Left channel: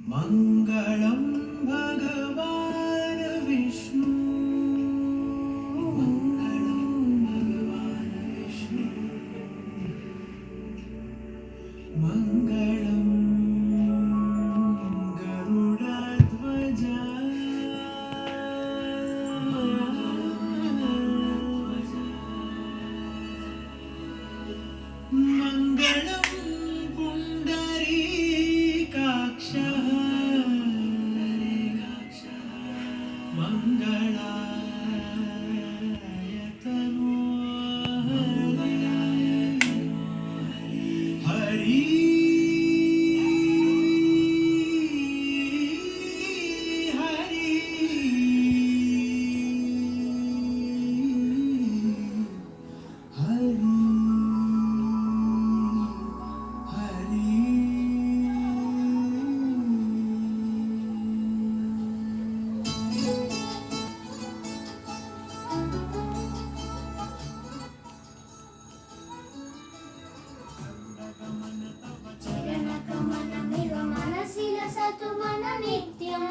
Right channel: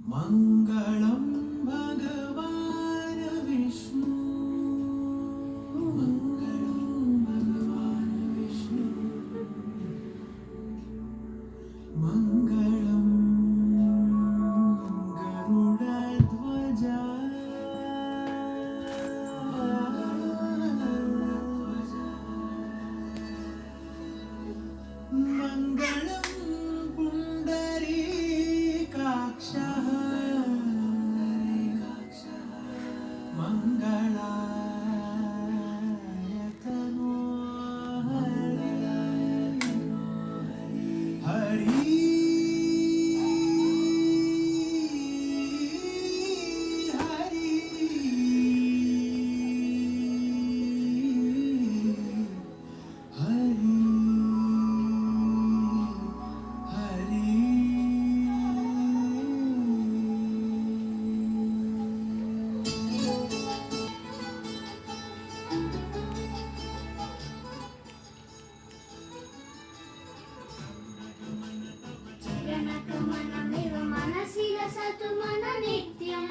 मङ्गलं भगवान् विष्णु मङ्गलं गरुडध्वज मङ्गलं पुण्डरीकाक्षः मङ्गलाय तनो हरि हरि हरि चरणगमनमिव मनसि लसतु मन नित्यं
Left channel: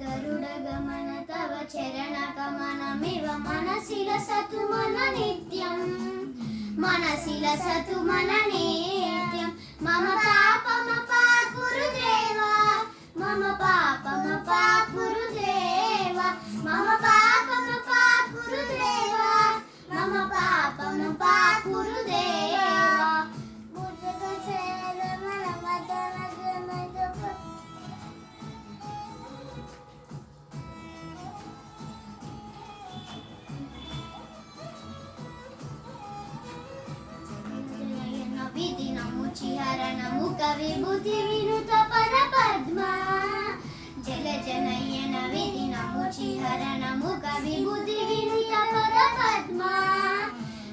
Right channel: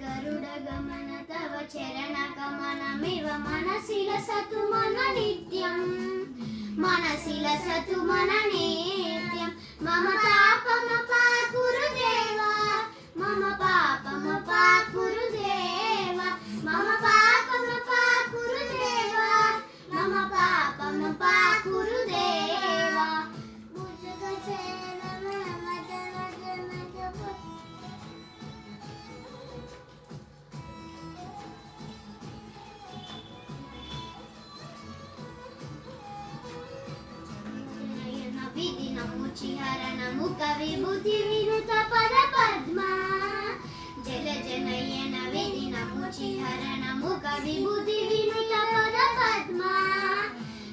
गरुडगमन तव चरणगमनमिव मनसि लसतु मन नित्यं मनसि लसतु मन नित्यं मम पापमपाकुरु देवा मम पापमपाकुरु देवा मम पापमपाकुरु देवा मम पापमपाकुरु देवा विधिनमुचिहरणमु कविभूति विनुत पद पद्मा जल जनयन विधिनमुचिहरणमु कविभूति विनुत पद पद्मा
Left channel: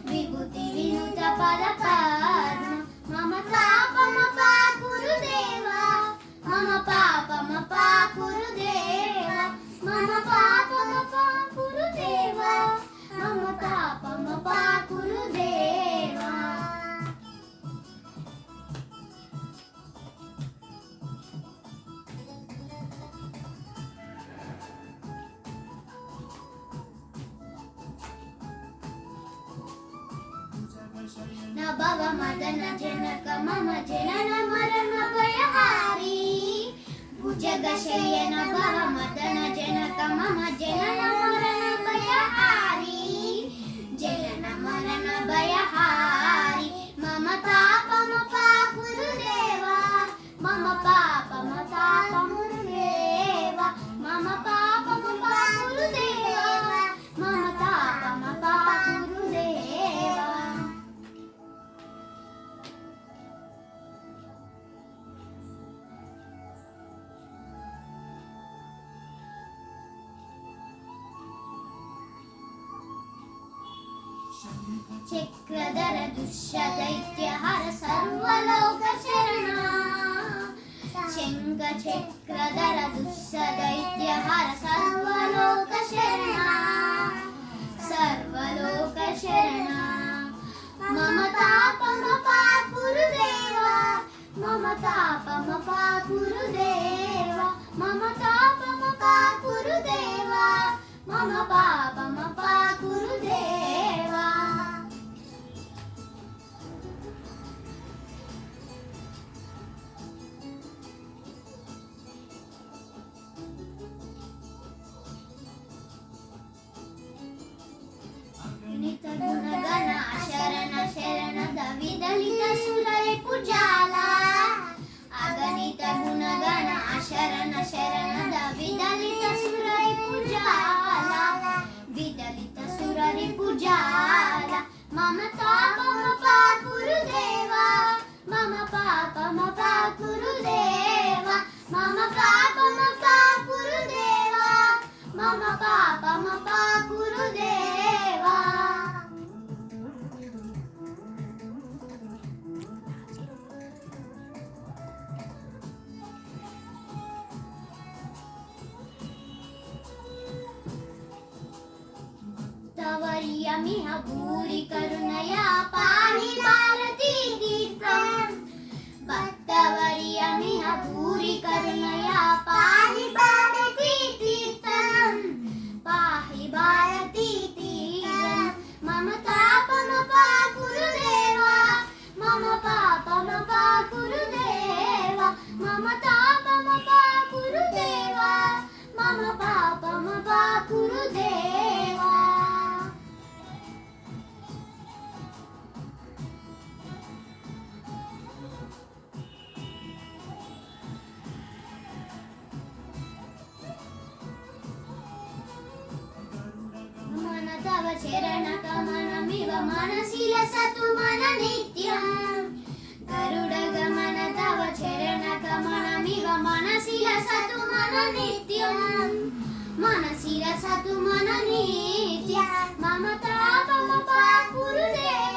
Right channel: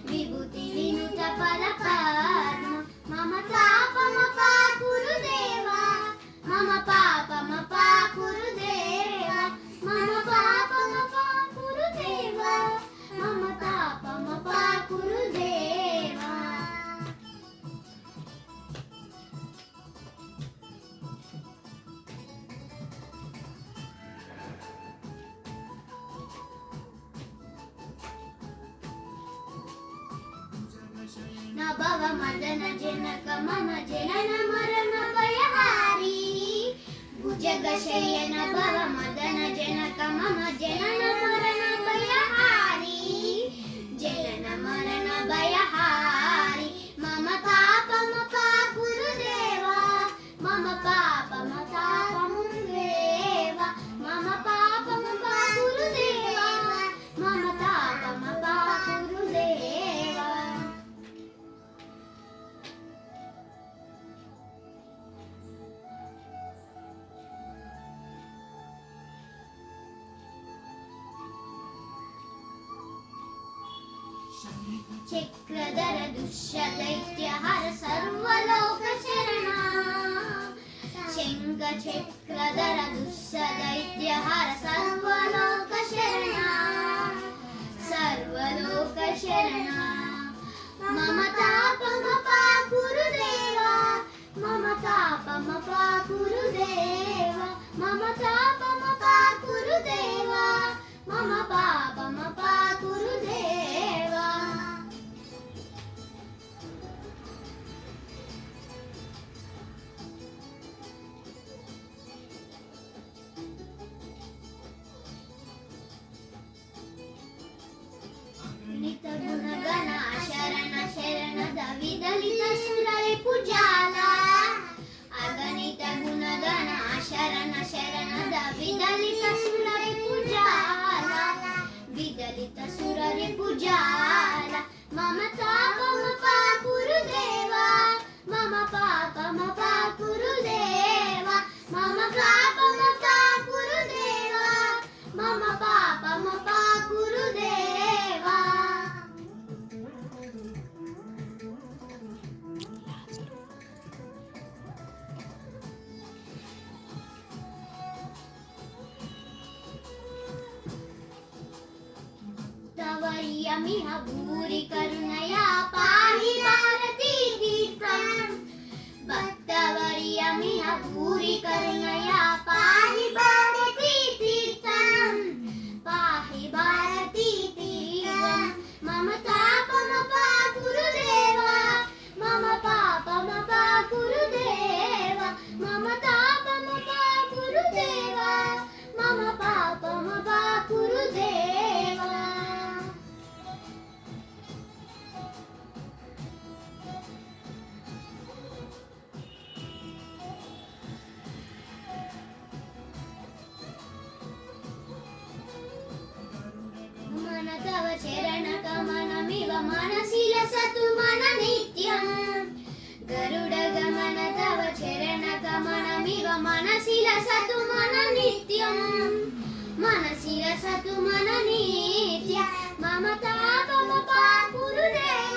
विभूति विनुत पद पद्मा मम पापमपाकुरु देवा मम पापमपाकुरु देवा मम पापमपाकुरु देवा मम पापमपाकुरु देवा न भव मदन जनक मम जनन मरण भयहारी भुजगशयन भव मदन जनक मम जनन मरण भयहारी जनन मरण भयहारी मम पापमपाकुरु देवा मम पापमपाकुरु देवा मम पापमपाकुरु देवा मम पापमपाकुरु देवा चक्रधर दुष्यदैत्यहर सर्वलोकशरणा शङ्ख चक्रधर दुष्यदैत्यहर सर्वलोकशरणा सर्वलोकशरणा मम तापमपाकुरु देवा मम तापमपाकुरु देवा मम तापमपाकुरु देवा मम पापमपाकुरु देवा अगणित गुणगण शरण शरणद विदलित सुररे पूजाला अगणित गुणगण शरण शरणद विदलित सुररे पूजाला विदलित सुररे पूजाला मम पापमपाकुरु देवा मम पापमपाकुरु देवा मम पापमपाकुरु देवा मम पापमपाकुरु देवा तवर्यमिह भूरि करुणया पाहि भारती तीर्थं भक्तवर्यमिह भूरि करुणया तव चरणकमनमिव मनसि लसतु मन नित्यं गरुडगमन तव चरणकमनमिव मनसि लसतु मन नित्यं मनसि लसतु मन नित्यं मम तापमपा गुरुदेव